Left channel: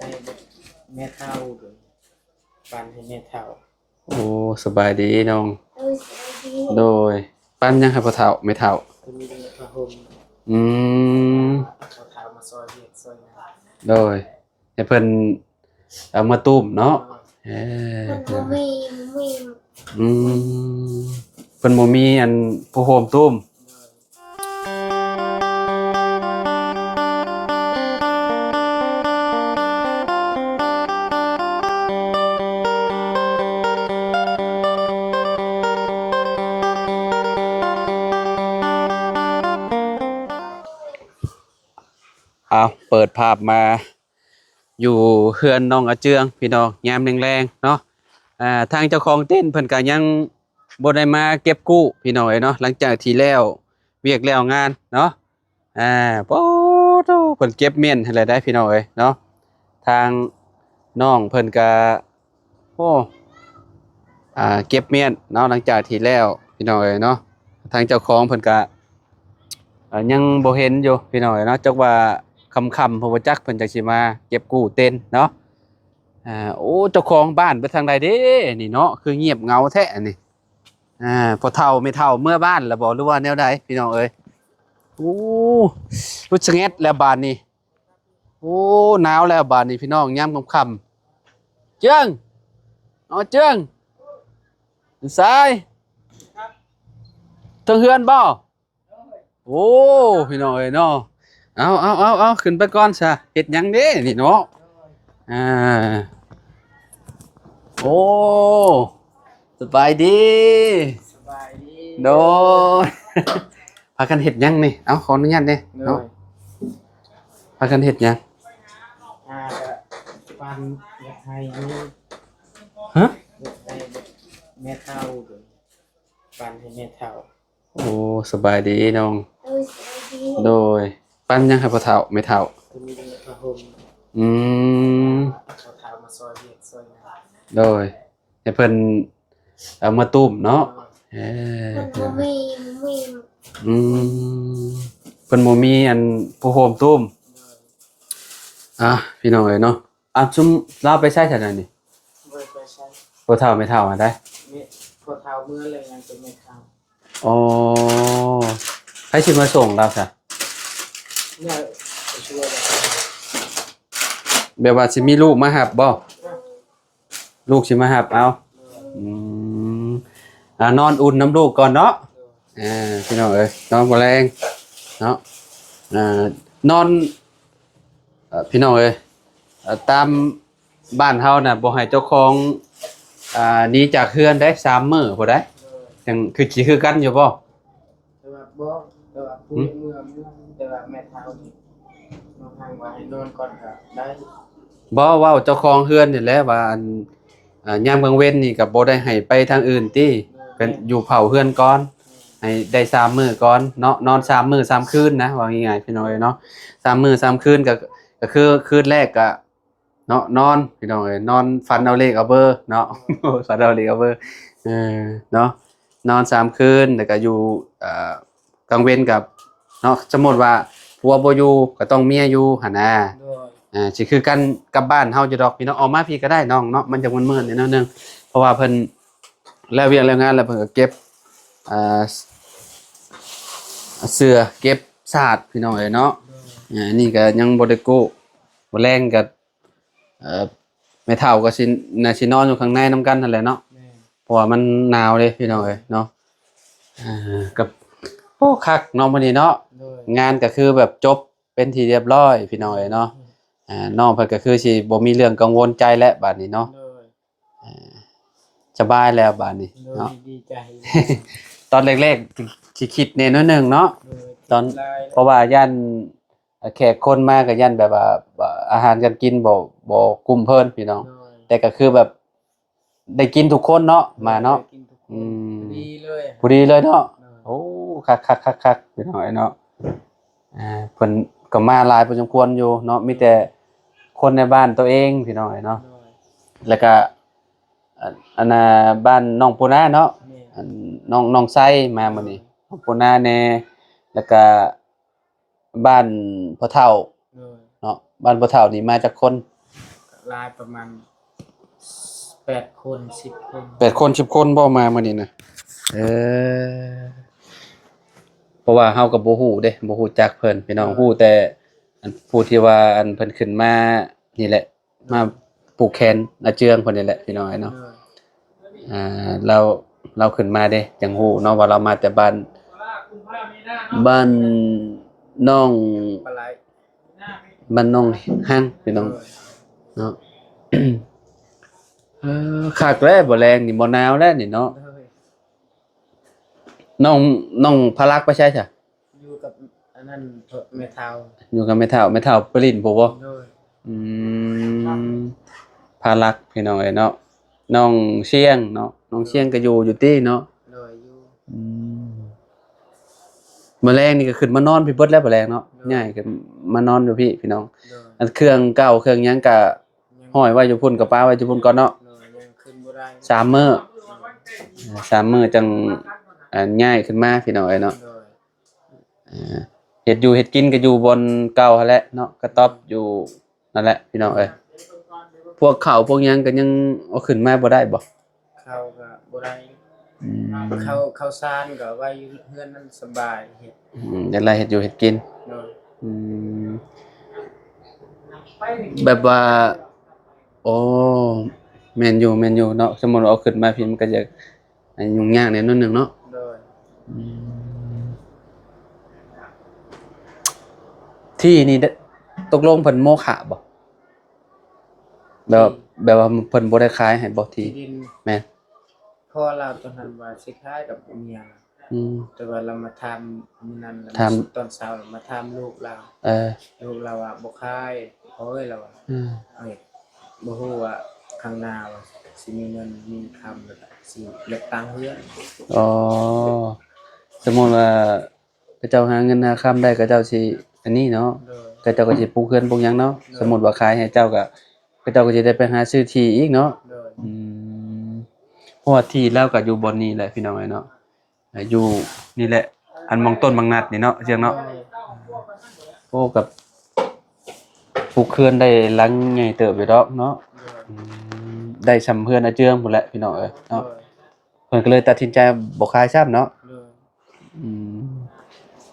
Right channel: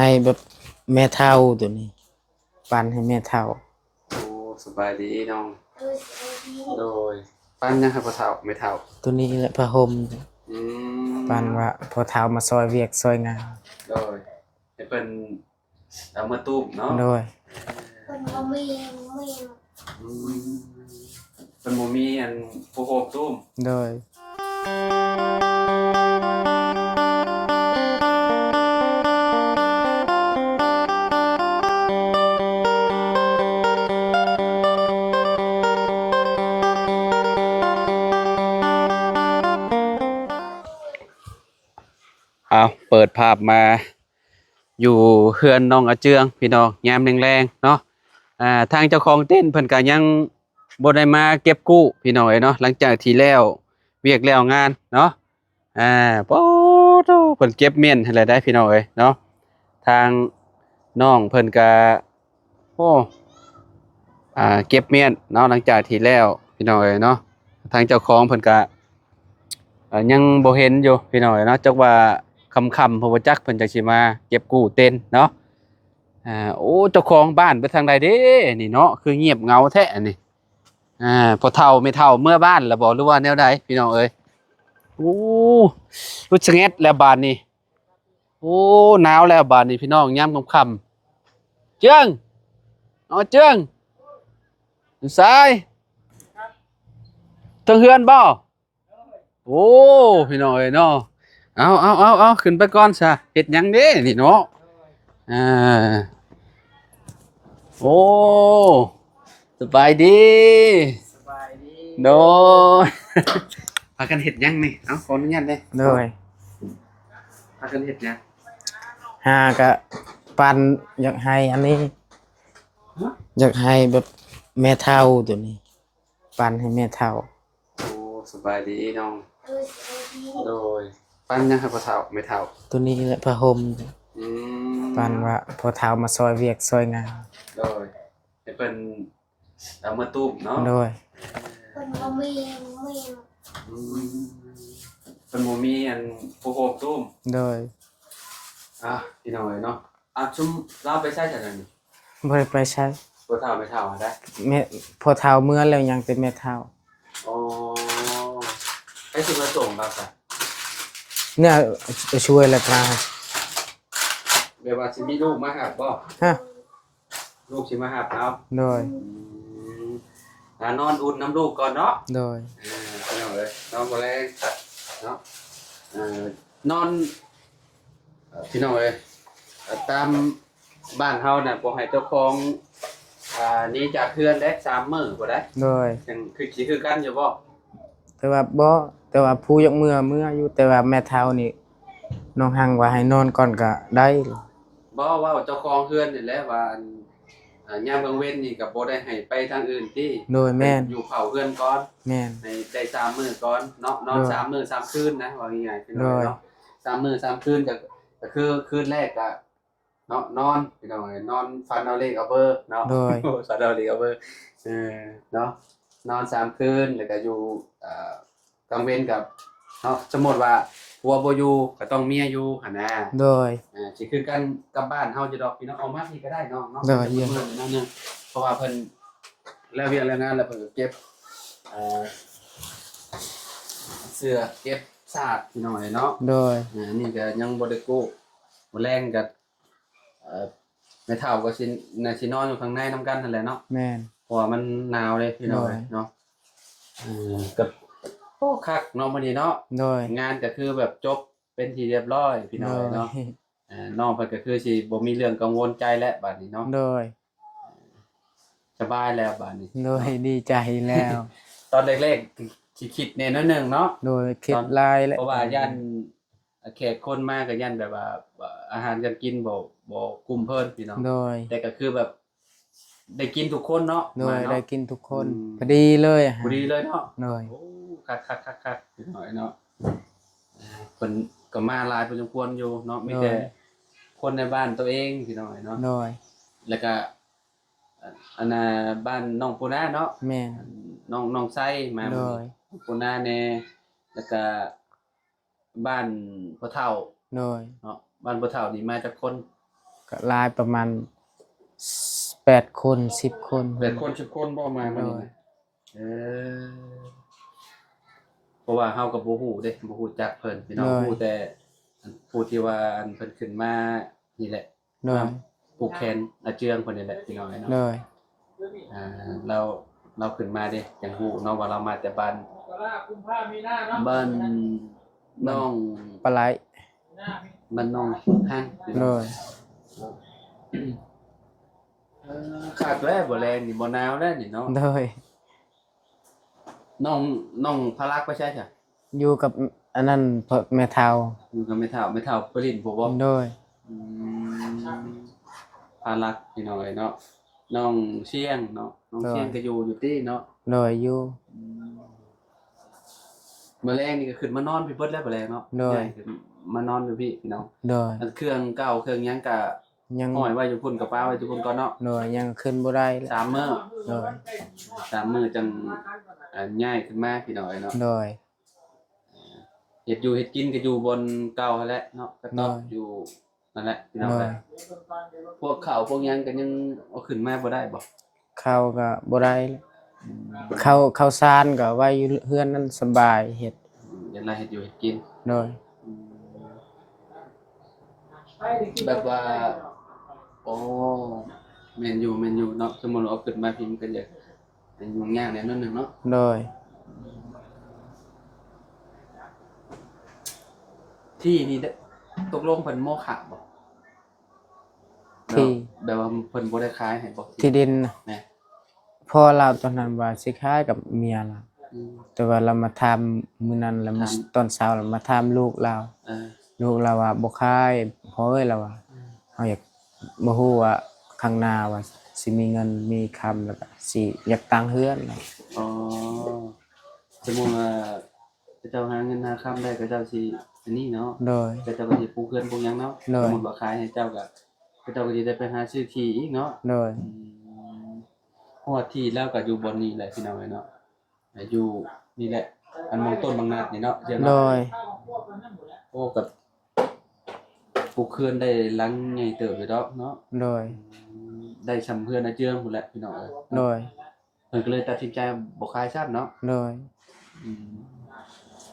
ให้แบบแม่เฒ่าตัวนี้ปันให้แม่เฒ่าโอ้สบายดีน้องโดยปั้นยังครับพ่อเฒ่าไม่เฒ่าตัวนี้แหละผ้าห่มอืปันมว่าพอเฒ่ามาซอยเวียกซอยงานโดยให้เพิ่นเอามาตุ้มเนาะโดยเออมันบ่มีอืมเพิ่นบ่มีอันผู้โฮมตุ้มโดยเอาเปิดภาพมาอยู่เฮือนน้องอาเจืองพี่น้องยามแรงๆเนาะทางเจ้าของเต้นเพิ่นก็ยังบ่ได้มาเก็บกู้พี่น้องเอ้ยเนาะหลังจากที่แล้วเวียกแล้วงานเนาะอ่าโอ้โธ่เพิ่นเก็บเม่นให้แล้วได้พี่น้องเอ้ยเนาะทางน้องเพิ่นก็โอ้เก็บเม่นเนาะหลังจากที่แล้วพี่น้องเอ้ยเนาะทางเจ้าของเพิ่นก็ยังบ่เห็นอยู่พี่น้องเอ้ยเนาะจักว่าค่ำๆเพราะว่าจักเพิ่นจักสิมาเก็บกู้เต้นเนาะโอ้เจ้าของบ้านไปทางใดเด้นี่เนาะคือเงียบเหงาแท้นี่พอเฒ่าไม่เฒ่าเมื่อบ้านแล้วบ่หรือว่าแนวใดพี่น้องเอ้ยโอ้รู้ชะแงดแล้วบาดนี้โอ้หนาวแล้วบาดนี้พี่น้องยามค่ำๆเจืองอ๋อเจืองอยู่ซ้ายทางเฮือนบ่โอ้พี่น้องเอ้ยเนาะเอาขึ้นไปก่อนซะเฮ็ดหยังเด้นี่เนาะอ่าโอ้สบายดีสบายดีโดยพากันเฮ็ดหยังนี่เอาขออนุญาตเด้โดยพากันเฮ็ดหยังหาก็ปันอยากให้อันนี้ฮะอยากให้แบบแม่เฒ่าตัวนี้ปันให้แม่เฒ่าโอ้สบายดีน้องโดยปั้นยังครับพ่อเฒ่าไม่เฒ่าตัวนี้แหละผ้าห่มอืปันมว่าพอเฒ่ามาซอยเวียกซอยงานโดยให้เพิ่นเอามาตุ้มเนาะโดยเออมันบ่มีอืมเพิ่นบ่มีอันผู้โฮมตุ้มโดยพี่น้องเอ้ยเนาะซุมเราไปใช้ซั่นน่ะนี่บ่ได้ไปใช้ บ่เฒ่าไม่เฒ่าอะได้แม่พอเฒ่าเมื่อแล้วยังเป็นแม่เฒ่าอ๋อให้สิมาส่งเราซะเนี่ยไปช่วยแล้วก็แบบว่าสิมีลูกมารับบ่ฮะลูกสิมารับเอา โดยอืมนอนอุ่นน้ำลูกก่อนเนาะโดยพี่น้องเอ้ยนอนบ่แรงเนาะนอนพี่น้องเอ้ยตามบ้านเฮาน่ะบ่ให้เจ้าของหนีจากเฮือนได้3มื้อบ่ได้โดยจังคือสิคือกันอยู่บ่แต่ว่าผู้ยกมืออยู่แต่ว่าแม่เฒ่านี่น้องหังว่าให้นอนก่อนก็ได้บ่เว้าเจ้าของเฮือนนี่แหละว่าอันยามกลางเว้นนี่ก็บ่ได้ให้ไปทางอื่นติโดยแม่นอยู่เผาเฮือนก่อนแม่นให้ได้3มื้อก่อนเนาะนอน3มื้อ3คืนนะว่าง่ายๆพี่น้องเอ้ยเนาะ3มื้อ3คืนก็คือคืนแรกก็เนาะนอนพี่น้องเอ้ยนอนฝันเอาเลขเอาเบอร์เนาะฝันเอาเลขเอาเบอร์เออเนาะนอน3คืนแล้วก็อยู่กลางเว้นกับเนาะสมมุติว่าผัวบ่อยู่ก็ต้องเมียอยู่หั่นน่ะโดยสิคือกันกับบ้านเฮาอยู่ดอกพี่น้องออกมาพี่ก็ได้น้องเนาะมันจะมึนๆนิดนึงเพราะว่าเพิ่นแล้วเวียกแล้วงานแล้วเพิ่นก็เก็บอ่าเสื้อเก็บสาดพี่น้องเอ้ยเนาะโดยนี่ก็ยังบ่ได้กู้บ่แรงก็แม่เฒ่าก็สิน่าสินอนอยู่ข้างในนำกันนั่นแหละเนาะแม่นเพราะว่ามันหนาวเด้พี่น้องเอ้ยเนาะกับโอ้คักเนาะมื้อนี้เนาะโดยงานก็คือแบบจบเป็นที่เรียบร้อยพี่น้องเอ้ยเนาะน้องเพิ่นก็คือสิบ่มีเรื่องกังวลใจแล้วบัดนี้เนาะโดยสบายแล้วบัดนี้โดยดีใจแล้ว ตอนแรกๆสิคิดแน่น้อยหนึงเนาะโดยคิดลายแล้วเพราะว่าย่านแขกคนมาก็ย่านแบบว่าอาหารการกินบ่กุ้มเพิ่นพี่น้องโดยแต่ก็คือแบบได้กินทุกคนเนาะมาเนาะได้กินทุกคนพอดีเลยพอดีเลยเนาะโดยโอ้คักๆๆพี่น้องเนาะเพิ่นก็มาหลายพอสมควรอยู่เนาะมีแต่คนในบ้านตัวเองพี่น้องเนาะโดยแล้วก็อันน่ะบ้านน้องปูนาเนาะแม่นน้องไส้มามื้อนี้น้องปูนาแน่แล้วก็บ้านพ่อเฒ่าโดยเนาะบ้านพ่อเฒ่านี่มาจากคน ก็หลายประมาณ8คน10คน8คน10คนบ่มามื้อนี้นะเออเพราะว่าเฮาก็บ่ฮู้เด้บ่ฮู้จักเพิ่นพี่น้องฮู้แต่อันผู้ที่ว่าอันเพิ่นขึ้นมานี่แหละมาปลูกแคนอาเจืองเพิ่นนี่แหละพี่น้องเนาะเราขึ้นมาเด้จังฮู้เนาะว่าเรามาแต่บ้านน้องปลาไหลบ้านน้องฮั่งพี่น้องเนาะคักแล้วบ่แรงนี่บ่หนาวแล้วนี่เนาะโดยน้องพลักไปใช่จ้ะอยู่กับอันนั้นแม่เฒ่าอยู่กับแม่เฒ่าปริ้นบ่บ่โดยอืมพลักพี่น้องเอ้ยเนาะน้องเชียงเนาะน้องเชียงก็อยู่ติเนาะโดยอยู่มื้อแรงนี่ก็ขึ้นมานอนพี่เบิดแล้วบ่แรงเนาะใหญ่ก็มานอนอยู่พี่น้องโดยอันเครื่องเก่าเครื่องหยังก็ห้อยไว้อยู่พุ่นกับป้าไว้อยู่พุ่นก่อนเนาะโดยยังขึ้นบ่ได้3มื้อโดย3มื้อจังย้ายขึ้นมาพี่น้องเอ้ยเนาะโดยเฮ็ดอยู่เฮ็ดกินก็อยู่บนเก่าหั่นแหละเนาะกระต๊อบอยู่นั่นแหละพี่น้องเอ้ยพวกข้าวพวกหยังก็ยังเอาขึ้นมาบ่ได้บ่ข้าวก็บ่ได้ข้าวสารก็ไว้อยู่เฮือนนั้นสบายเฮ็ดจังได๋เฮ็ดอยู่เฮ็ดกินโดยแบบว่าโอ้แม่นอยู่เนาะสมมุติเอาขึ้นมาพี่มันก็จะยุ่งยากแน่นอนนึงเนาะโดยที่นี่ตกลงเพิ่นโมฆะบ่แบบว่าเพิ่นบ่ได้ขายให้บ่ที่ดินแม่นพ่อเราตอนนั้นว่าสิขายกับเมียล่ะแต่ว่าเรามาทำมื้อนั้นแล้วตอนเช้าเรามาทำลูกเราลูกเราว่าบ่ขายเฮ้ยเราว่าเฮาอยากบ่ฮู้ว่าข้างหน้าว่าสิมีเงินมีคำแล้วก็สิอยากตั้งเฮือนอ๋อสมมุติว่าพระเจ้าหาเงินหาคำได้ก็เจ้าสิอันนี้เนาะก็เจ้าก็สิปลูกเฮือนปลูกหยังเนาะสมมุติว่าขายให้เจ้าก็เจ้าก็สิได้ไปหาซื้อที่อีกเนาะเพราะว่าที่แล้วก็อยู่บนนี้แหละพี่น้องเอ้ยเนาะอยู่นี่แหละอันมองต้นบางนัดนี่เนาะเจียงเนาะโอ้กับปลูกเฮือนได้หลังใหญ่เติบอยู่ดอกเนาะได้สำเพื่อนอาเจืองพุ่นแหละพี่น้องเอ้ยเนาะเพิ่นก็เลยตัดสินใจบ่ขายซ้ำเนาะ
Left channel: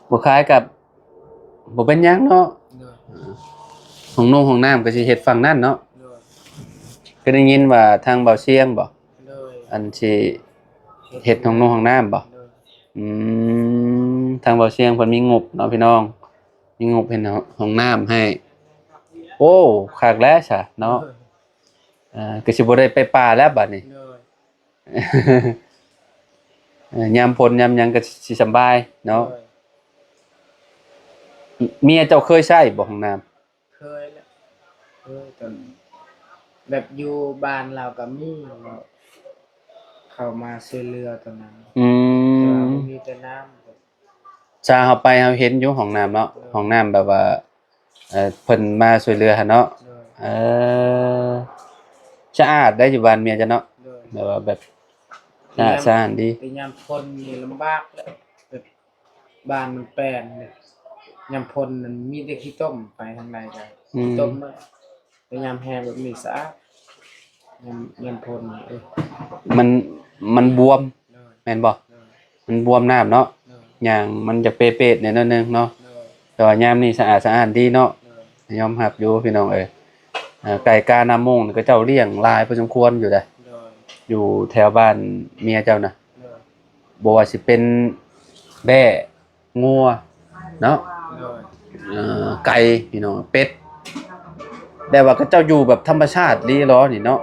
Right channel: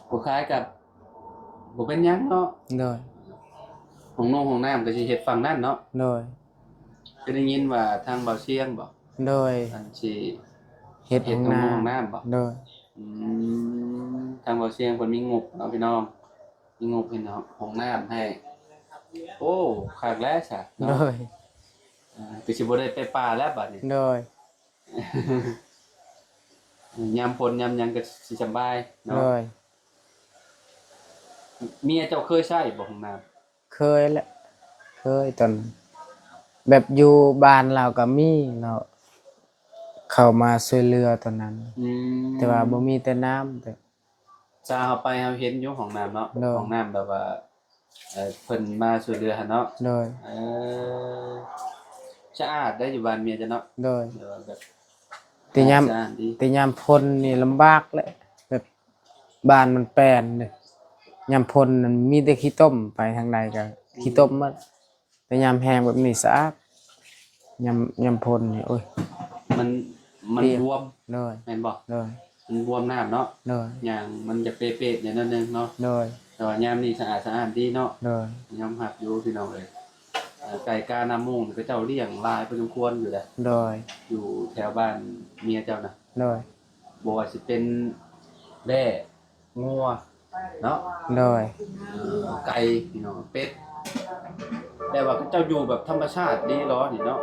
บ่ขายกับบ่เป็นหยังเนาะห้องน้ำก็สิเฮ็ดฝั่งนั้นเนาะก็ได้ยินว่าทางเบาเชียงบ่อันสิเฮ็ดห้องน้ำบ่ทางเบาเชียงเพิ่นมีงบเนาะพี่น้องมีงบเฮ็ดห้องน้ำให้โอ้คักแล้วซะเนาะก็สิบ่ได้ไปป่าแล้วบัดนี้ยามฝนยามหยังก็สิสบายเนาะเมียเจ้าเคยใช้บ่ห้องน้ำเคยแหละเคยตอนแบบอยู่บ้านเราก็มีเนาะเข้ามาช่วยเหลือตอนนั้นแต่ว่าบ่มีแต่น้ำแต่ชาเฮาไปเฮาเห็นอยู่ห้องน้ำเนาะห้องน้ำแบบว่าเพิ่นมาช่วยเหลือหั่นเนาะสะอาดได้อยู่บ้านเมียจ้ะเนาะแบบว่าแบบสะอาดดีแต่ยามพ้นนี่ลำบากแหละแบบบ้านมันแปลนเนี่ยยามพ้นมันมีแต่ขี้ต้มไปทางใดก็ขี้ต้มมาแต่ยามแห้งแบบนี้สะอาดยามพ้นนี่โอ้ยมันบวมแม่นบ่มันบวมน้ำเนาะอย่างมันจะเป๊ะๆเนี่ยนิดนึงเนาะแต่ว่ายามนี้สะอาดดีเนาะยอมรับอยู่พี่น้องเอ้ยไก่กาน้ำมงก็เจ้าเลี้ยงหลายพอสมควรอยู่ได้อยู่แถวบ้านเมียเจ้านะบ่ว่าสิเป็นแบ่งัวเนาะไก่พี่น้องเป็ดแต่ว่าก็เจ้าอยู่แบบธรรมชาติลีหรอนี่เนาะ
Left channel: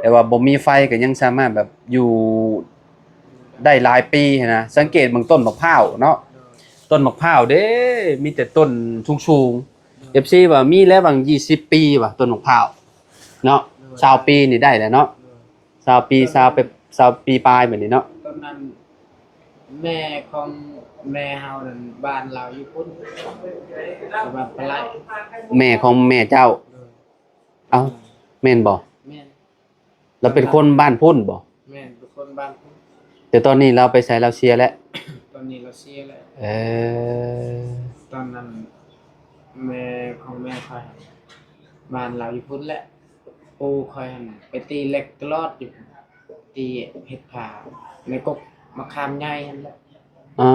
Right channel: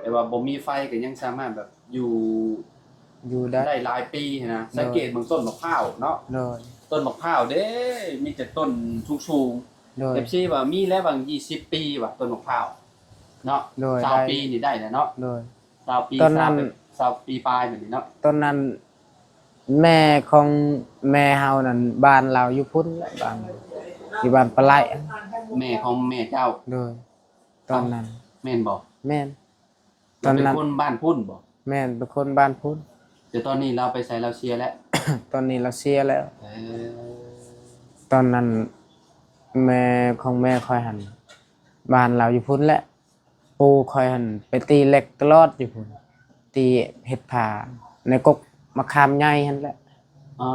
แต่ว่าบ่มีไฟก็ยังสามารถแบบอยู่ได้หลายปีนะสังเกตเบิ่งต้นมะพร้าวเนาะต้นมะพร้าวเด้มีแต่ต้นสูงๆ FC ว่ามีแล้วบาง20ปีว่ะต้นมะพร้าวเนาะ20ปีนี่ได้แล้วเนาะ20ปี20ปีปลายแบบนี้เนาะต้นนั้นแม่ของแม่เฮานั่นบ้านเราอยู่พุ่นบ้านอยู่บ้านปลาไหลแม่ของแม่เจ้าตอนนั้นแม่นบ่แม่นเราเป็นคนบ้านพุ่นบ่แม่นเป็นคนบ้านพุ่นแต่ตอนนี้เราไปใช้เราเสียแล้ว ตอนนี้เราเสียแล้วตอนนั้นแม่ของแม่ค่อยหันบ้านเราอยู่พุ่นแหละ ปู่คอยหั่นไปตีเหล็กตลอดอยู่พุ่นตีเฮ็ดผ้าในกกมะขามใหญ่หั่นแหละ อ๋อ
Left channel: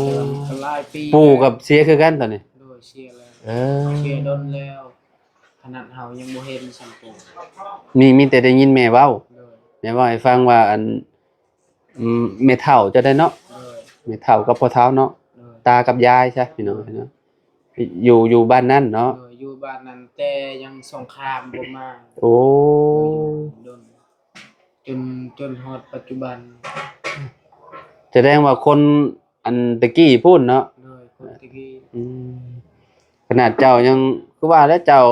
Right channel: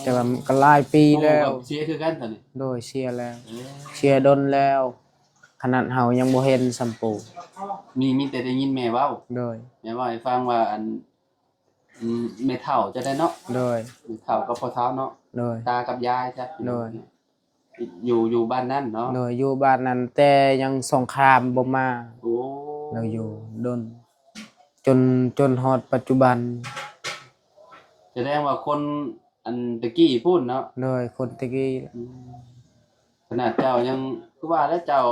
แต่ว่ามันก็หลายปี ปู่ แล้ว กับเสียคือกันตอนนี้ โดยเชียร์แล้ว เออ เชียร์ดนแล้ว ขนาดเฮายังบ่เห็นสัมปู มีแต่ได้ยินแม่เว้า โดย แม่เว้าให้ฟังว่าอันแม่เฒ่าจะได้เนาะ โดย แม่เฒ่ากับพ่อเฒ่าเนาะ โดย ตากับยายใช่พี่น้อง โดย เนาะอยู่บ้านนั้นเนาะ โดยอยู่บ้านนั้นแต่ยังสงครามบ่มา โอ้ โดยอยู่ดนจนฮอดปัจจุบัน แสดงว่าคนอันตะกี้พูดเนาะ โดยคนตะกี้ ขนาดเจ้ายังคือว่าแล้วเจ้า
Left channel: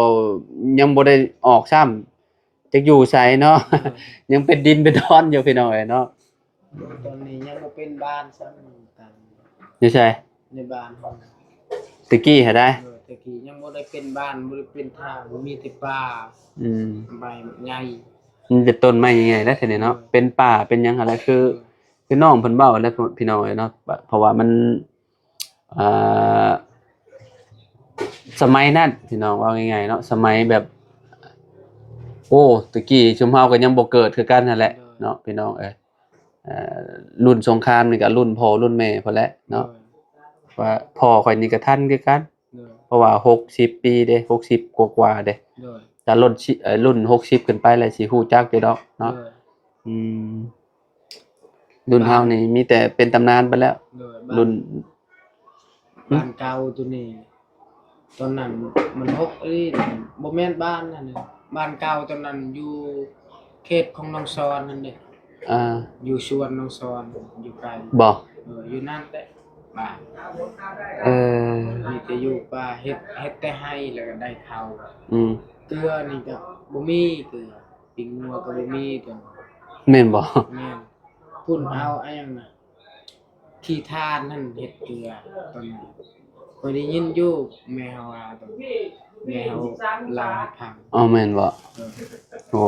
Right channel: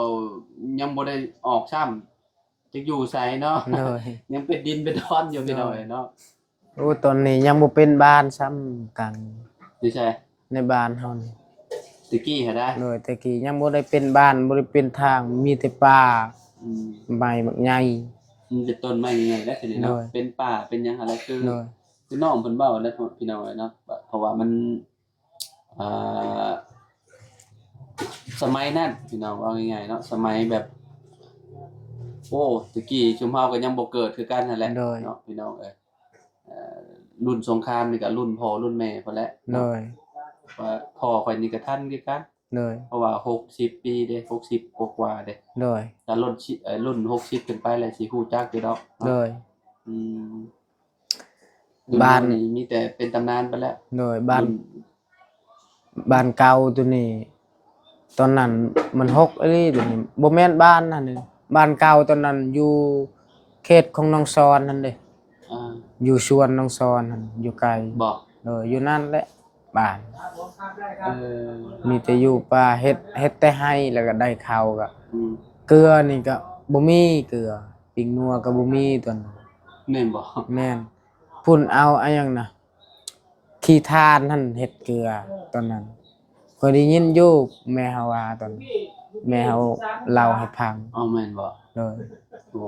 ยังบ่ได้ออกซ้ำจักอยู่ไสเนาะ โดย ยังเป็นดินเป็นดอนอยู่พี่น้องเอ้ยเนาะ โอ้ตอนนี้ยังบ่เป็นบ้านซ้ำกัน อยู่ไส ในบ้านเฮานี่ ตะกี้หาได้ โดยตะกี้ยังบ่ได้เป็นบ้านบ่ได้เป็นทางมีแต่ป่า อืม ใบบักใหญ่ มันเป็นต้นไม้ยังไงแล้วทีนี้เนาะ โดย เป็นป่าเป็นหยังอะไรคือ โดย คือน้องเพิ่นเว้าแล้วพี่น้องเอ้ยเนาะเพราะว่ามันอ่าสมัยนั้นพี่น้องว่าง่ายๆเนาะสมัยแบบ โอ้ตะกี้ชุมเฮาก็ยังบ่เกิดคือกันนั่นแหละ โดย เนาะพี่น้องเอ้ยเอ่อรุ่นสงครามนี่ก็รุ่นพ่อรุ่นแม่พุ่นแหละ โด เนาะ ย ว่าพ่อข่อยนี่ก็ทันคือกัน โดย เพราะว่า60ปีเด้60กว่าๆเด้ โดย ถ้ารุ่น60ขึ้นไปแล้วสิฮู้จักอยู่ดอกเนาะ โดย อืมรุ่นเฮานี่มีแต่เป็นตำนานไปแล้ว โดยบ้าน รุ่น บ้านเก่าตัวนี้ ตอนนั้นมันหกเอ้ยตัวนี้บ่แม่นบ้านนั่นนี่บ้านเก่าตอนนั้นอยู่เขตของน้องซอนนั่นเด้ อ่า อยู่สวนน้องซอนนั่นอยู่ไกล บ่ อยู่นั่นแหละบ้าน เออ มีแต่อยู่ป่าเฮ็ดแต่ให้แล้วก็ได้ข้าวก็ อืม เกลือนี่ก็บ่มีเกลือปิงนัวก็บ่มีตอนนั้น แม่นบ่ แม่นพุ่นเอาอะหยังนะขี้ทานนั่นเฮ็ดเกลือตอนนั้นข้อยได้ยินอยู่แม่เฮาว่าตอนแม่เฮาเล่าให้ฟัง อ๋อแม่นบ่ โดย โอ้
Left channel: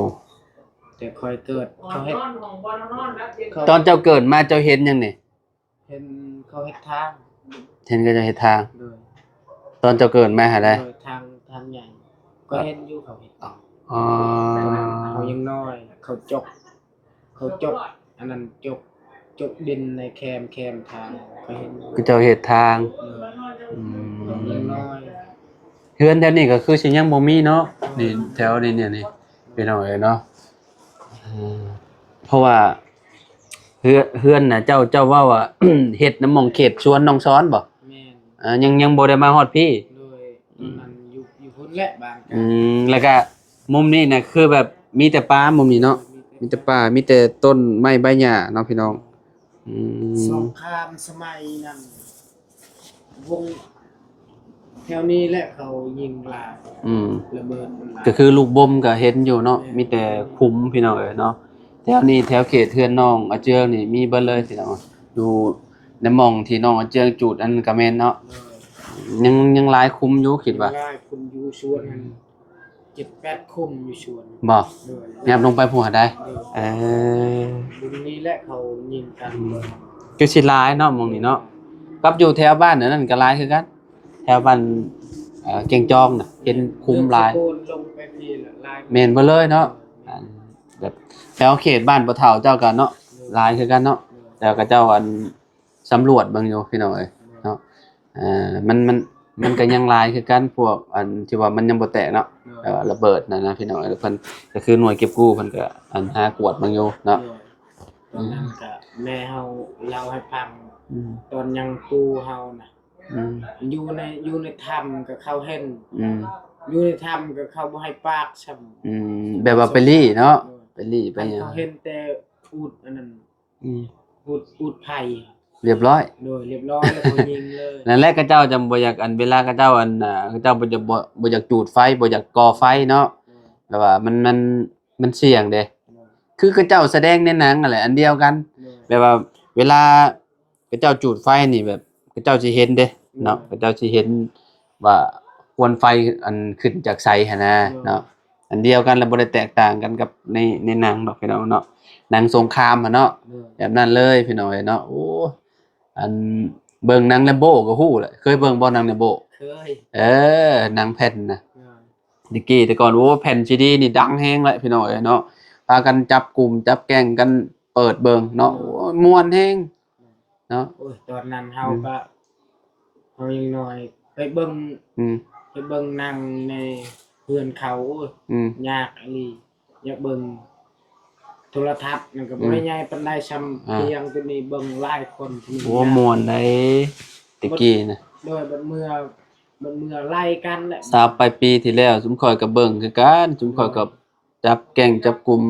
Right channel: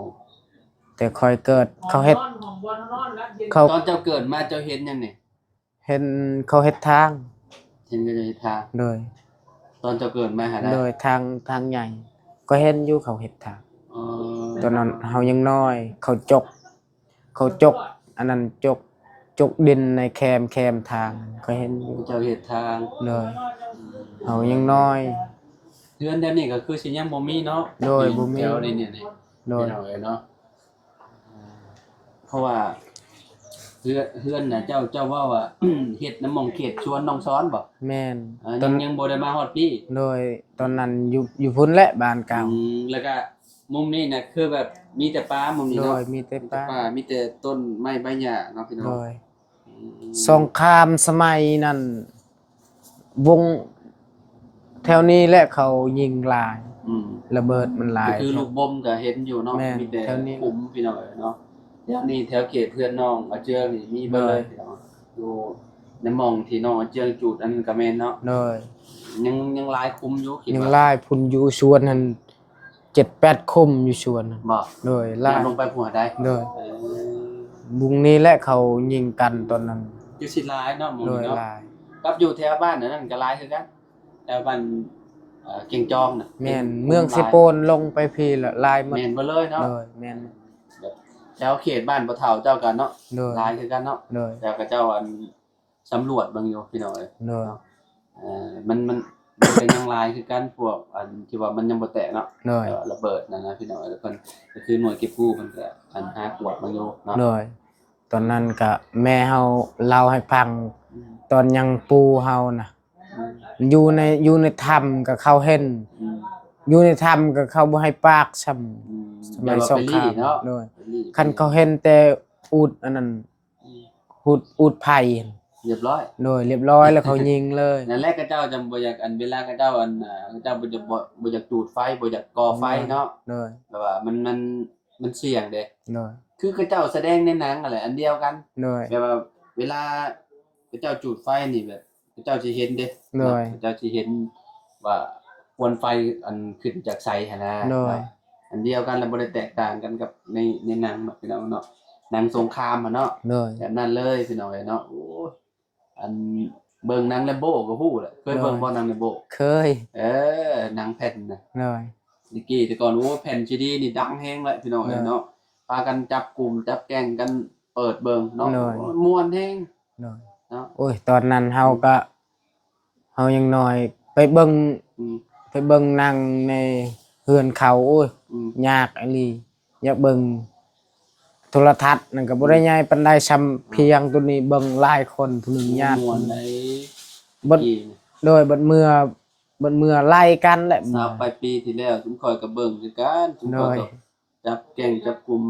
แต่ค่อยเกิดเขาเฮ็ดเขา ตอนเจ้าเกิดมาเจ้าเห็นหยังนี่ เห็นเขาเฮ็ดทาง เห็นก็จะเฮ็ดทาง โดย ตอนเจ้าเกิดมาหาได้ โดยทางใหญ่ ก็เห็นอยู่เขาเฮ็ดทาง อ๋อ ตอนนั้นเฮายังน้อย เขาจก อันนั้นจกดินในแคมทางก็เห็น คือเจ้าเฮ็ดทาง เลย อืม เฮายังน้อย เฮือนแถวนี้ก็คือสิยังบ่มีเนาะ โดย นี่ บ่มี แถวนี้เนี่ยนี่ โดย พี่น้องเอ้ยเนาะอืมเพราะว่าเฮือนน่ะเจ้าเว้าว่า เฮ็ดน้ำหม่องเขตสวนน้องซ้อนบ่ แม่น ยังบ่ได้มาฮอดพี่ โดยตอนนั้นอยู่พุ่นแหละบ้านเก่า แล้วก็มุมนี้น่ะคือแบบมีแต่ป่ามุมนี้เนาะ โดยมีแต่ มีแต่ป่ามีแต่ต้นไม้ใบหญ้าเนาะพี่น้อง โดย อืม สงครามสมัยนั้นวงแถวนี้แหละเขายิงหลาย อืม ระเบิดมันหลาย ก็คือลูกบ่มก็เห็นอยู่เนาะ แม่น มีแต่ แถวนี้ คุ้มพี่น้องเอ้ยเนาะแถวนี้แถวเขตเทือนน้องอาเจืองนี่มีเบิดเลยพี่น้องอยู่ในหม่องที่น้องอาเจืองจูดอันก็แม่นเนาะ โดย ยังหลายคุ้มอยู่คิด ยิง ว่า หลายพุ่นอยู่สวนนั้น7-8 คุมอยู่สวนนั้น บ่ โดย แนบลงไปผู้หาได้ โดย เออ บุงนี้แหละเขายิงกันตอนนั้น คือสิหลายเนาะหม่องนี้เนาะ โดยหลาย กับอยู่แถวบ้านนั่นก็หลายคือกันแถวบ้านเก่งจองน่ะ แม่น คุ้ เมือง ห สิ ลาย โปนลงไปพี่ละลายหมด แม่นบ่เลยเนาะ โดยแม่น แบบแถวเขตบ้านบ่เฒ่าเจ้าก็เนาะ โดย หลายคือกันเนาะ โดย แล้วก็เจ้าอันสำรวจเบิ่งอยู่พี่น้องเอ้ย โดย เนาะมันก็ยังหลายคือกันพวกอันที่ว่ามันยังบ่แตกเนาะ โดย ระเบิดนะพี่น้องเอ้ยเพิ่นก็คือหน่วยเก็บกู้เพิ่นก็อันหากวดเบิ่งอยู่เนาะ โดยตอนนั้นก็แม่เฮาเล่าให้ฟัง อืม ตอนยังปูเฮาน่ะ อืม อยู่ในถ้ำก็เขาเห็น อืม อยู่ในถ้ำก็เขาบ่ให้ปากซ้ำ อืมแบบว่าไปลี่เนาะ โดย ไปลี่ คันเขาเห็นแต่อูฐอันนั้น อืม อูฐไผ่ เรียบร้อย โดยเรียบร้อยแล้วเขายิงเลย นั่นแหละก็เจ้าจำบ่อยากอันเวลาก็เจ้าอันก็เจ้าบ่อยากจูดไฟบ่อยากก่อไฟเนาะ โดย แบบว่ามันเสี่ยงเด้ โดย คือก็เจ้าแสดงในหนังนั่นแหละอันเดียวกัน โดย แบบว่าเวลาก็เจ้าจูดไฟนี่แบบก็เจ้าสิเห็นเด้เนาะ ได้ ก็เจ้าสิเห็นว่าควันไฟอันขึ้นจากไสหั่นนะ ได้ เนาะอันเดียวกันแล้วบ่ได้แตกต่างกันกับในหนังดอกพี่น้องเนาะหนังสงครามอะเนาะ โดย แบบนั้นเลยพี่น้องเอ้ยเนาะโอ้อันเบิ่งหนังแลมโบ้ก็ฮู้แหละเคยเบิ่งบ่หนังแลมโบ้ เคย หนังแผ่นน่ะ โดย ดิกี้แต่ก่อนโอ้แผ่นซีดีนี่ดังแฮงเลยพี่น้องเอ้ยเนาะพากันจับกลุ่มจับแก๊งกันเปิดเบิ่งเนาะโอ้ยม่วนแฮงเนาะโอ้ยตอนนั้นเฮายังน้อยไปเบิ่งไปเบิ่งหนังในเฮือนเขาโอ้ยยากอีหลีอยากเบิ่งโทรทัศน์นั่นก็บ่ได้ใหญ่ปานใดซำเพียงตัวนี้เบิ่งหลายคนผู้นี้ โอ้ ยาก ม่วนได้ตะกี้นะ โดยบัดเมื่อไล่กันแหละ ทราบไปปีที่แล้วซุมข่อยก็เบิ่งคือกันซุมข่อยก็จับแก๊งจับกลุ่ม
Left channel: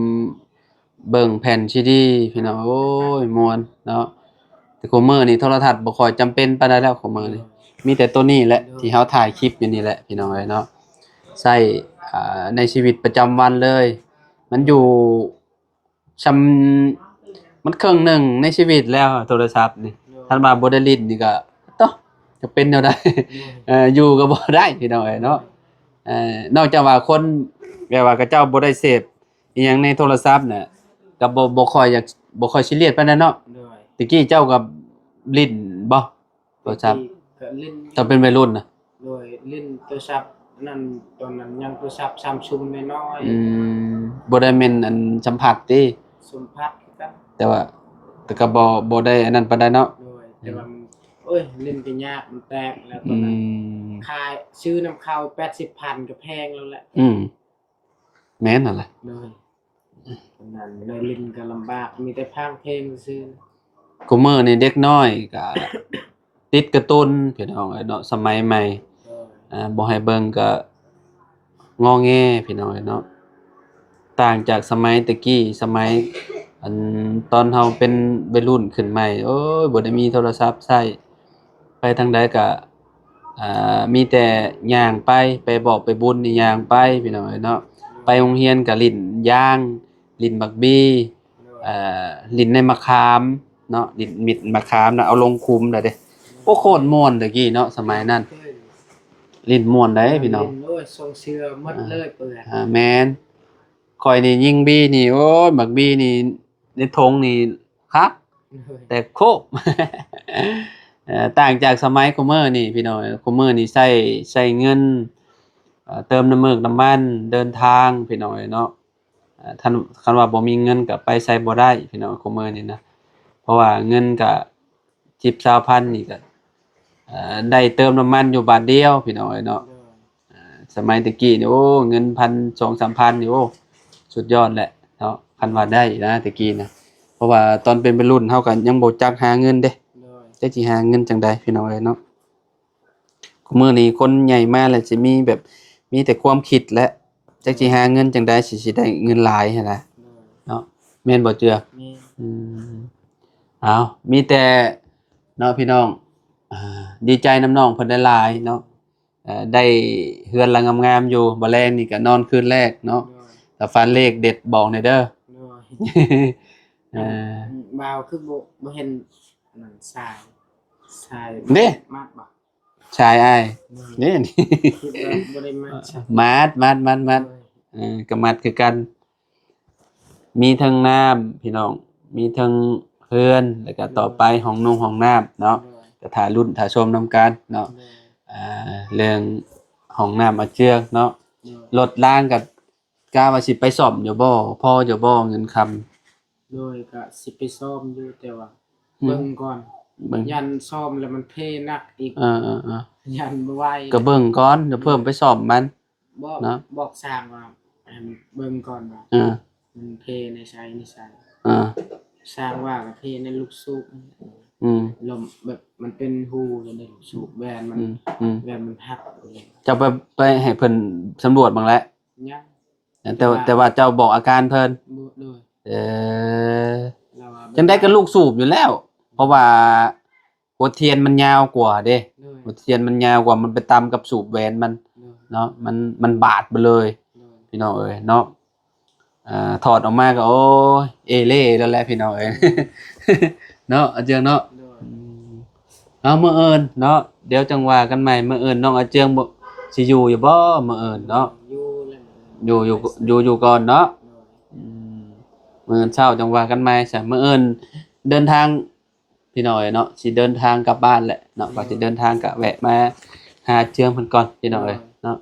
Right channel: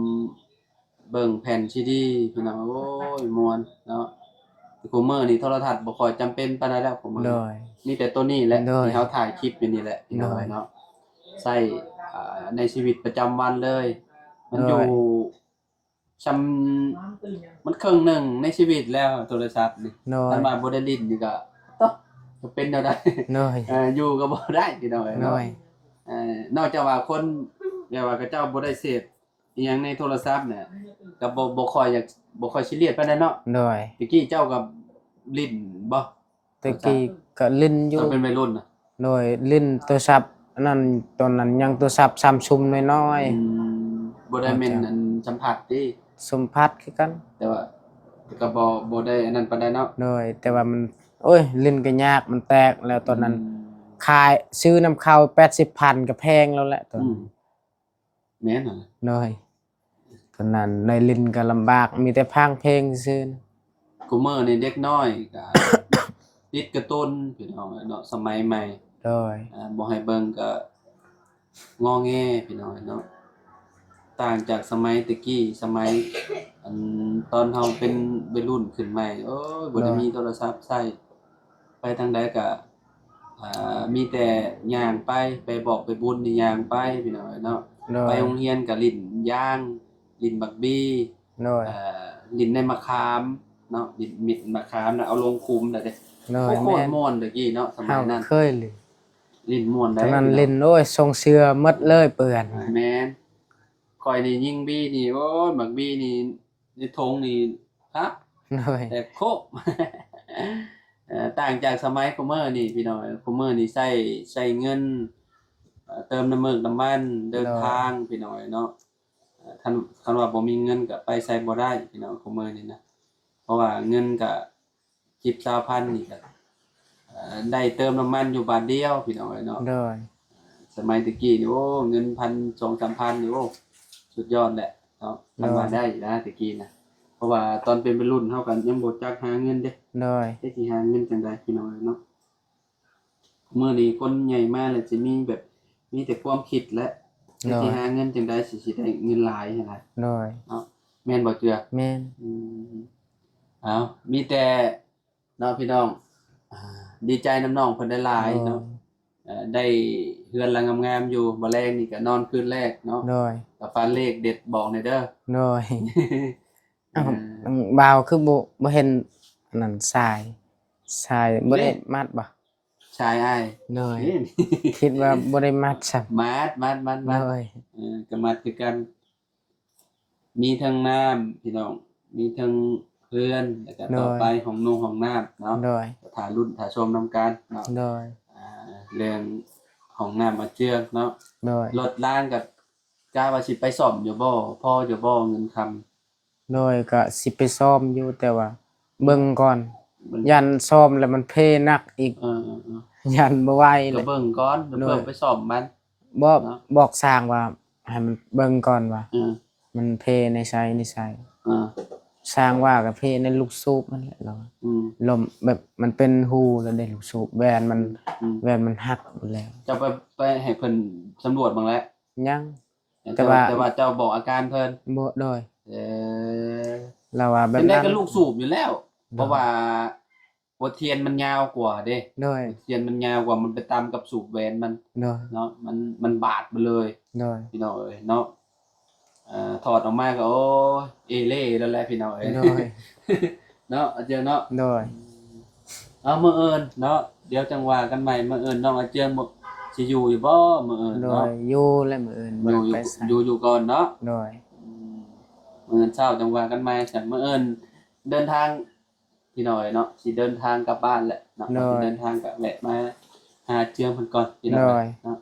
เบิ่งแผ่นซีดีพี่น้องโอ้ยม่วนเนาะแต่คุมื้อนี้โทรทัศน์บ่ค่อยจำเป็นปานใดแล้วคุมื้อนี้มีแต่ตัวนี้แหละที่เฮาถ่ายคลิปอยู่นี่แหละพี่น้องเอ้ยเนาะใช้ในชีวิตประจำวันเลย มันอยู่ซำมันครึ่งหนึ่งในชีวิตแล้วโทรศัพท์นี่ถ้ามาบ่ได้ลิ้นนี่ก็ต้องจะเป็นแนวใดอยู่ก็บ่ได้พี่น้องเอ้ยเนาะนอกจากว่าคนแบบว่าเขาเจ้าบ่ได้เสพอีหยังในโทรศัพท์น่ะก็บ่ค่อยอยากบ่ค่อยซีเรียสปานนั้นเนาะตะกี้เจ้าก็ลิ้นบ่โทรศัพท์ก็ลิ้นอยู่ตอนเป็นวัยรุ่นน่ะลิ้นโทรศัพท์อันนั้นตอนนั้นยังโทรศัพท์ Samsung น้อยบ่ได้แม่นอันสัมผัสติสัมผัสคือกันแต่ว่าแต่ก็บ่ได้อันนั้นปานใดเนาะแต่ว่ามันโอ้ยลิ้นก็ยากมันแตกแล้วตอนนั้นขายซื้อน้ำเข้า 80,000 ก็แพงแล้วแหละแม่นนั่นแหละตอนนั้นในลิ้นก็ลำบากมีแต่พากเพลงซื่อคุมื้อนี่เด็กน้อยก็ติดการ์ตูนพี่น้องเนาะสมัยใหม่บ่ให้เบิ่งก็งอแงพี่น้องเนาะต่างจากสมัยตะกี้สมัยอันตอนเฮาเป็นวัยรุ่นขึ้นใหม่โอ้ยบ่ได้มีโทรศัพท์ใช้ไปทางใดก็มีแต่ย่างไปบอกไปบุญนี่ย่างไปพี่น้องเนาะไปโรงเรียนก็ลิ้นยางลิ้นบักบี้ลิ้นในมะขามเนาะลิ้นมิดมะขามน่ะเอาลงคุมได้เด้โอ้โคตรม่วนตะกี้เนาะสมัยนั้นเคยเลยลิ้นม่วนได้พี่น้องลิ้นโอ้ยทรงเสื้อหมดเลยเปื้อนแม่นข่อยนี่ยิงบี้นี่โอ้ยบักบี้นี่ในธงนี่ครับแต่โคบต่างจากสมัยคุมื้อนี่พี่น้องคุมื้อนี่ใช้เงินเติมน้ำมันเดินทางพี่น้องเนาะท่านคันว่าบ่มีเงินก็ไปใช้บ่ได้พี่น้องคุมื้อนี่นะเพราะว่าเงินก็10-20,000นี่ก็ได้เติมน้ำมันอยู่บาทเดียวพี่น้องเนาะสมัยตะกี้นี่โอ้เงิน 1,000-2,000-3,000 นี่โอ้สุดยอดแหละเนาะคันว่าได้นะตะกี้นะเพราะว่าตอนเป็นวัยรุ่นเฮาก็ยังบ่จักหาเงินเด้จักสิหาเงินจังได๋พี่น้องเนาะมื้อนี้คนใหญ่มาแล้วสิมีแบบมีแต่ความคิดและจักสิหาเงินจังได๋สิได้เงินหลายหั่นน่ะเนาะแม่นบ่เจือแม่นอ้าวมีแต่เนาะพี่น้องดีใจนำน้องเพิ่นหลายๆเนาะได้เฮือนหลังงามๆอยู่บ่แลงนี่ก็นอนคืนแรกเนาะถ้าฝันเลขเด็ดบอกหน่อยเด้อบ่าวคือบ่เห็นนั่นทรายบ่มัดบ่ชายอ้ายนี่คิดว่าบ่ได้มัดซะมัดก็มัดคือกันมีทั้งน้ำพี่น้องมีทั้งเฮือนแล้วก็ต่อไปห้องนุ่งห้องน้ำเนาะก็ถ่ายรุ่นถ่ายชมนำกันเนาะเรื่องห้องน้ำมาเจือกเนาะรถล้างก็กะว่าสิไปซ่อมอยู่บ่พออยู่บ่เงินคำก็สิไปซ่อมอยู่แต่ว่าเบิ่งก่อนยันซ่อมแล้วมันเพหนักอีกยันบ่ไหวก็เบิ่งก่อนเดี๋ยวเพิ่มไปซ่อมมันบอกสร้างว่าให้มันเบิ่งก่อนว่ามันเพในไสสร้างว่ากับเพในลูกสูบนั่นแหละเนาะลมแบบมันเป็นหูแล้วได้ลูกสูบแวนมันหักหมดแล้วจะไปให้เพิ่นสำรวจบ้างแล้วยังแต่ว่าเจ้าบอกอาการเพิ่นบ่เราว่าเป็นได้กับลูกสูบอยู่แล้วเพราะว่าหัวเทียนมันยาวกว่าเด้หัวเทียนมันยาวกว่ามันไปตามกับสูบแวนมันเนาะมันบาดไปเลยพี่น้องเอ้ยเนาะถอดออกมาก็โอ้ยเอเล่แล้วแหละพี่น้องเอ้ยเนาะอาเจืองเนาะมื้ออื่นเนาะเดี๋ยวจังว่ากันใหม่มื้ออื่นน้องอาเจืองบ่สิอยู่บ่มื้ออื่นเนาะอยู่แล้วมื้ออื่นอยู่ก่อนเนาะมื้ออื่นเช้าจังว่ากันใหม่ซะมื้ออื่นเดินทางพี่น้องเนาะสิเดินทางกลับบ้านแหละเนาะว่าสิเดินทางก็แวะมาหาเจืองเพิ่นก่อนพี่น้องเนาะ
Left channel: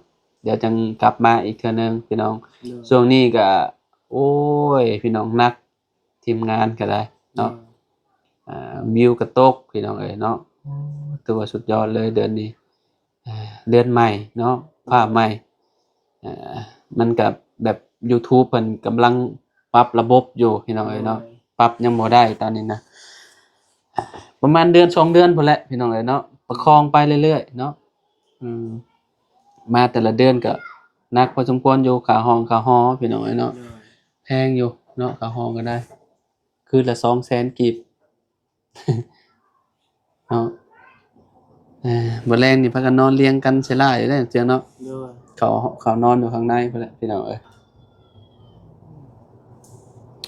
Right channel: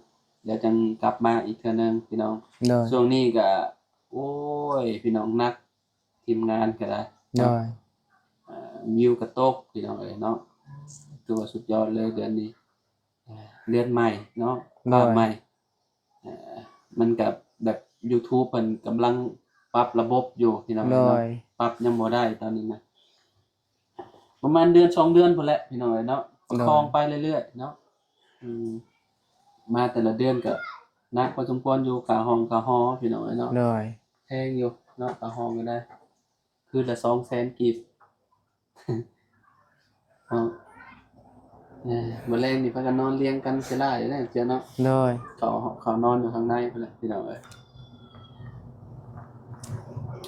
เดี๋ยวจังกลับมาอีกเทื่อนึงพี่น้อง โดย ช่วงนี้ก็โอ้ยพี่น้องนักทีมงานก็ได้ โด เนาะ ย วิวก็ตกพี่น้องเอ้ยเนาะถือว่าสุดยอดเลยเดือนนี้เดือนใหม่เนาะภาพใหม่มันก็แบบ YouTube เพิ่นกำลังปรับระบบอยู่พี่น้อง โด เอ้ยเนาะ ย ปรับยังบ่ได้ตอนนี้นะประมาณเดือน2เดือนพุ่นแหละพี่น้องเอ้ยเนาะประคองไปเรื่อยๆเนาะมาแต่ละเดือนก็หนักพอสมควรอยู่ค่าห้องค่าหอพี่น้องเอ้ยเนาะ โดย แพงอยู่เนาะค่าห้องก็ได้คืนละ200,000กีบ เนาะมื้อแรงนี่พากันนอนเรียงกันเสียหลายเด้อเจ้าเนาะ โดย เขานอนอยู่ข้างในพุ่นแหละพี่น้องเอ้ย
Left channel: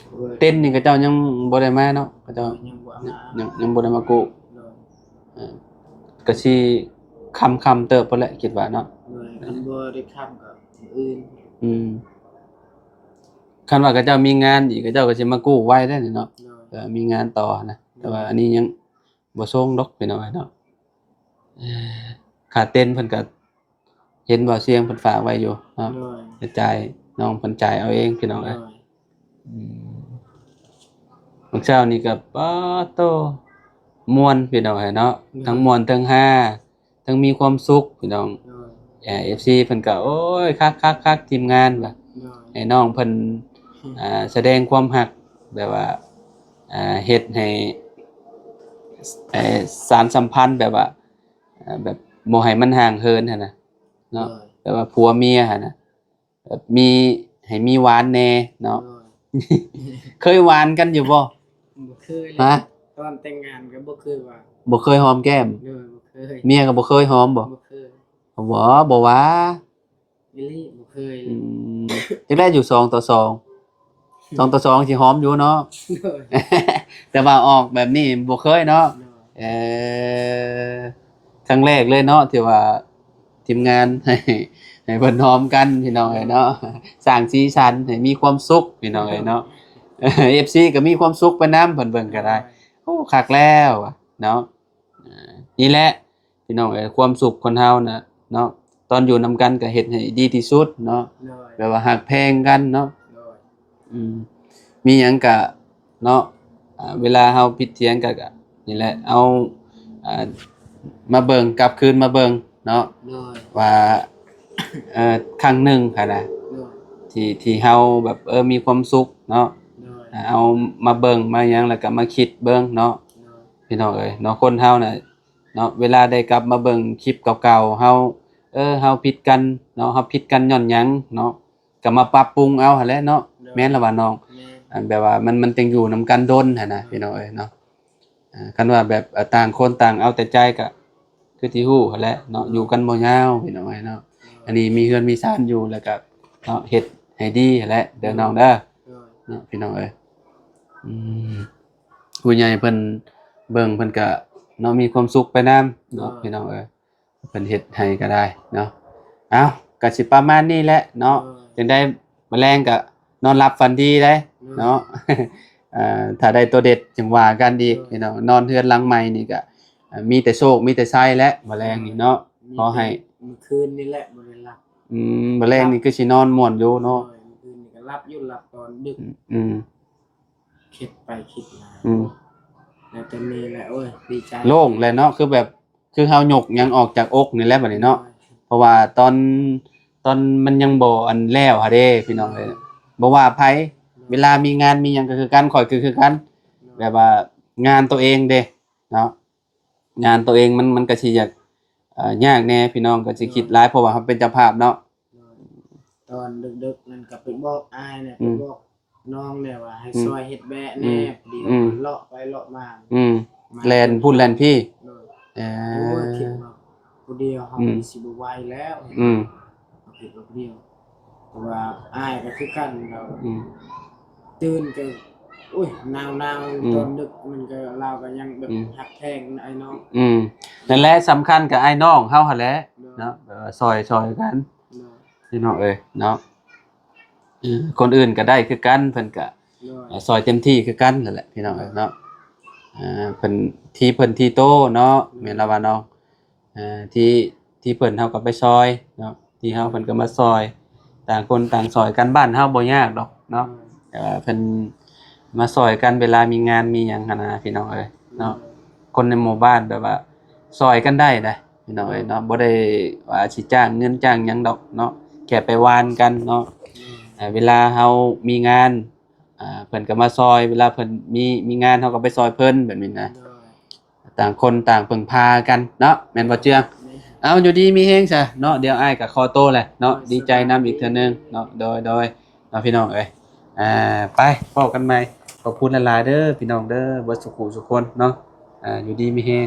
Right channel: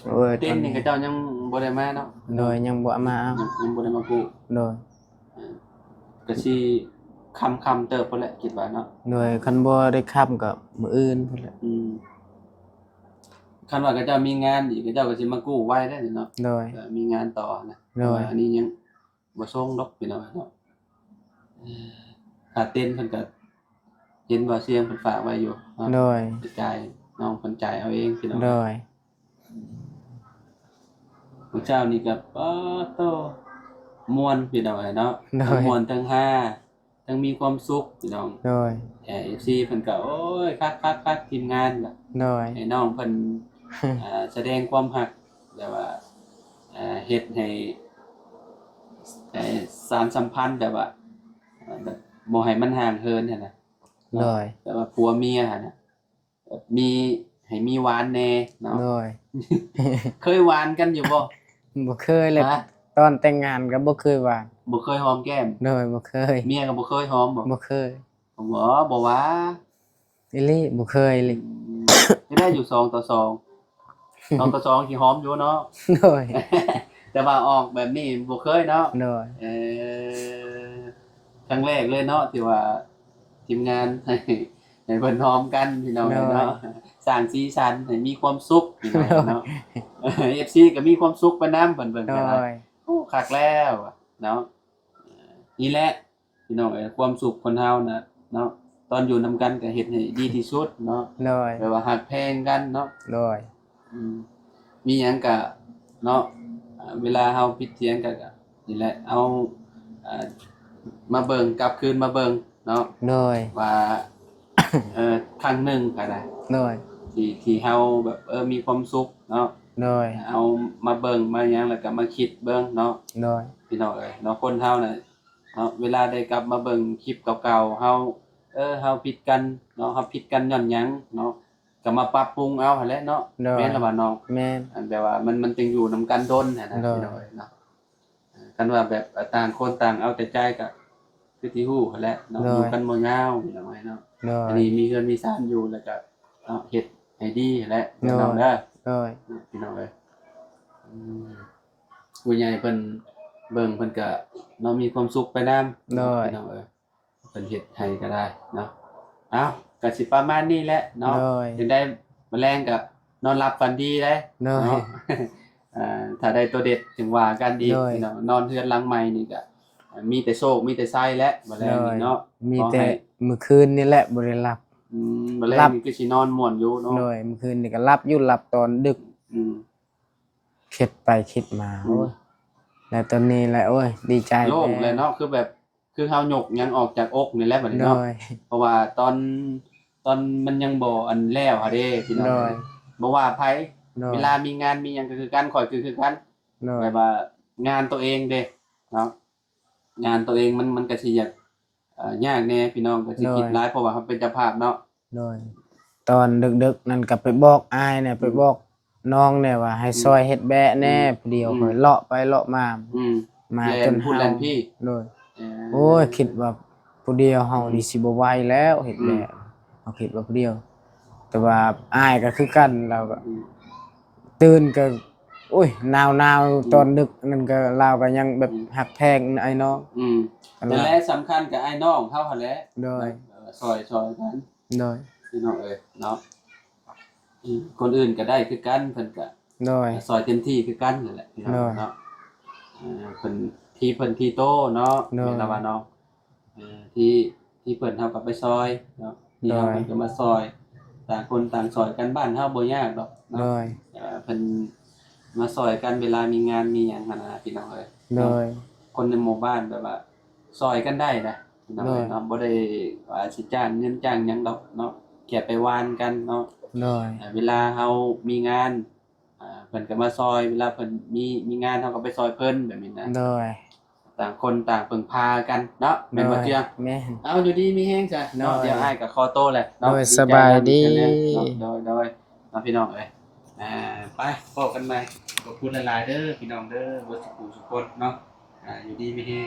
โอ้ย เต้นนี่ก็เจ้ายังบ่ได้มาเนาะ โดยยังบ่มาเอา ยังบ่ได้มากู้ โดย ก็สิคำเติบพุ่นแหละคิดว่าเนาะ โดยคันบ่ได้ค้ำก็มื้ออื่นพุ่นแหละ คันว่าเขาเจ้ามีงานอีกเขาเจ้าก็สิมากู้ไว้ได้นี่เนาะ โดย ก็มีงานต่อนะ โดย แต่ว่าอันนี้ยังบ่ส่งดอกพี่น้องเนาะค่าเต้นเพิ่นก็เห็นว่าเสียงเพิ่นฝากไว้อยู่เนาะ โดย ไปจ่ายน้องเพิ่นจ่ายเอาเองพี่น้อง โด เอ้ย ย บางเช้านี่ก็ป๊าโตม่วนพี่น้องเอ้ยเนาะทั้งม่วนทั้งฮาทั้งมีความสุขพี่น้อง โดย FC เพิ่นก็โอ้ยคักๆๆทีมงานว่ะ โดย ให้น้องเพิ่นแสดงความรักแบบว่าเฮ็ดให้สารสัมพันธ์แบบว่าแบบบ่ให้มันห่างเหินหั่นน่ะ โด เนาะ ย แบบว่าผัวเมียหั่นน่ะแบบมีให้มีหวานแน่เนาะ โดย เคยหวานกันอยู่บ่ บ่เคยเลย ฮะ ตอนแต่งงานก็บ่เคยว่า บ่เคยหอมแก้ม โดยบ่เคย เมียก็บ่เคยหอมบ่ บ่เคย บ่ว่า อีหลีบ่เคยเลย จะได้อยู่2ต่อ2 2ต่อ2สิหอมอยู่เนาะ โดย แต่ว่าออกแบบนี้บ่เคยเนาะ โดย ครั้งแรกเลยเนาะที่ว่าทีมงาน ให้เพิ่นหอมกันพี่น้องเนาะสร้างสีสันให้มีความสุขพี่น้องเนาะ FC ก็มีความสุขไปนำเพิ่นเบิ่งก็ได้ โดย โอ้คักแล้วเนาะนี่แหละพี่น้องความสุขคนเฮาน่ะเนาะตอนอยู่นำกันก็เฮ็ดให้ดีที่สุดเนาะ โดย แบบว่าฮักแพงกันเนาะ โดย มีหยังก็เนาะเวลาเฮาผิดเถียงกันก็นี่แหละเอามาเบิ่งกลับคืนมาเบิ่งเนาะ โดย ว่าครั้งหนึ่งค่ะนะ โดย ที่เฮาแบบมีความสุขเนาะ โดย เอามาเบิ่งมาหยังแล้วก็มาคิดเบิ่งเนาะ โดย พี่น้องเอ้ยเนาะคนเฮาน่ะเนาะเวลาได้กลับมาเบิ่งคลิปเก่าๆเฮาเฮาผิดกันเนาะเฮาผิดกันย้อนหยังเนาะก็มาปรับปรุงเอาหั่นแหละเนาะแม่นล่ะว่าน้อง แม่น อันแบบว่ามันจังอยู่นำกันดนหั่นนะ เนาะ พี่น้องเอ้ยเนาะคันว่าแบบต่างคนต่างเอาแต่ใจก็คือที่ฮู้หั่นแหละเนาะอยู่กันบ่ยาวพี่น้องเอ้ยเนาะ โดย อันนี้มีเฮือนมีศาลอยู่แล้วก็เนาะเฮ็ดให้ดีหั่นแหละเด้อน้องเด้อ โดย เนาะพี่น้องเอ้ยผู้ใหญ่เพิ่นเบิ่งเพิ่นก็เนาะมีความสุขไปนำเนาะพี่น้องเอ้ยเพิ่นเฮ็ดให้ก็ได้เนาะเอ้าก็สิประมาณนี้แหละเนาะ โดย จังได้แมลงก็นอนหลับฝันดีได้ โดย เนาะ ถ้าได้ตัวเด็ดจังว่ากันดี โดย พี่น้องนอนเทือนหลังใหม่นี่ก็มีแต่โชคมีแต่ไส้และแมลงนี่เนาะ มี ขอ แต่ ให้ มื้อคืนนี่แหละบ่ได้หลับ แมลงนี่คือสินอนม่วนอยู่เนาะ โดยเมื่อคืนนี่ก็หลับอยู่หลับตอนดึก อืม คิดไปคิดมา อืม โอ้ยแล้วตอนนี้แหละโอ้ยดีใจ โล่งเลยเนาะคือแบบคือเฮาหยกยังออกจากอกนี่แหละบัดนี้เนาะ โดย เพราะว่าตอนมันยังบ่อันแล้วหะเด้พี่น้อง โด เอ้ ย ยบ่ว่าไผ โดย เวลามีงานมีหยังก็คือกันข่อยคือกัน โดย แบบว่างานตัวเองเด้เนาะงานตัวเองมันก็สิอยากยากแน่พี่น้องก็สิคิดหลายเพราะว่าเขาเป็นเจ้าภาพเนาะ โดยตอนดึกๆนั่นก็ไปบอกอ้ายเนี่ยไปบอกน้องเนี่ยว่าให้ซอยเฮ็ดแบะแน่เดียวก็เลาะไปเลาะมา มา แลนพูดแลนพี่ โดย เอ่อ โอ้ยคิดว่าผู้เดียวเฮานี่สิบ่ไหวแล้วเฮ็ด อืม แบะเฮาคิดว่าผู้เดียว แต่ว่าอ้ายก็คือกันเราก็ อืม ตื่นก็อุ้ยหนาว อืม ๆตอนดึกนั่นก็เราก็ยังแบบ อืม หักแพงไอ้น้อง นั่นแหละสำคัญกับไอ้น้องเฮาหั่นแหละ โดย เนาะซอยกัน โดย พี่น้องเอ้ยเนาะคนอื่นก็ได้คือกันเพิ่นก็ โดย ซอยเต็มที่คือกันนั่นแหละพี่น้อง เออ เนาะเพิ่นที่โตเนาะ เนอะ แม่นละว่าเนาะที่เพิ่นเฮาก็ไปซอยเนาะ ที่เฮาเพิ่นก็มาซอยต่างคนต่างซอยกันบ้านเฮาบ่ยากดอกเนาะแต่ว่าเพิ่นมาซอยกันเวลามีงานมีหยังหั่นนะพี่น้องเอ้ยเนาะคนในหมู่บ้านแบบว่าซอยกันได้นะพี่น้องเอ้ยเนาะบ่ได้ว่าสิจ้างเงินจ้างหยังดอกเนาะแค่ไปวานกันเนาะเวลาเฮามีงานเพิ่นก็มาซอยเวลาเพิ่นมีงานเฮาก็ไปซอยเพิ่นแบบนี้นะต่างคนต่างพึ่งพากันเนาะแม่นบ่เจืองเอาอยู่ดีมีแฮงซะเนาะเดี๋ยวอ้ายก็ขอโตแหละเนาะดีใจนำอีกเทื่อนึงเนาะโดยเนาะพี่น้องเอ้ยไปพบกันใหม่ขอบคุณหลายๆเด้อพี่น้องเด้อเบิดสุขสุขคนเนาะอยู่ดีมีแฮง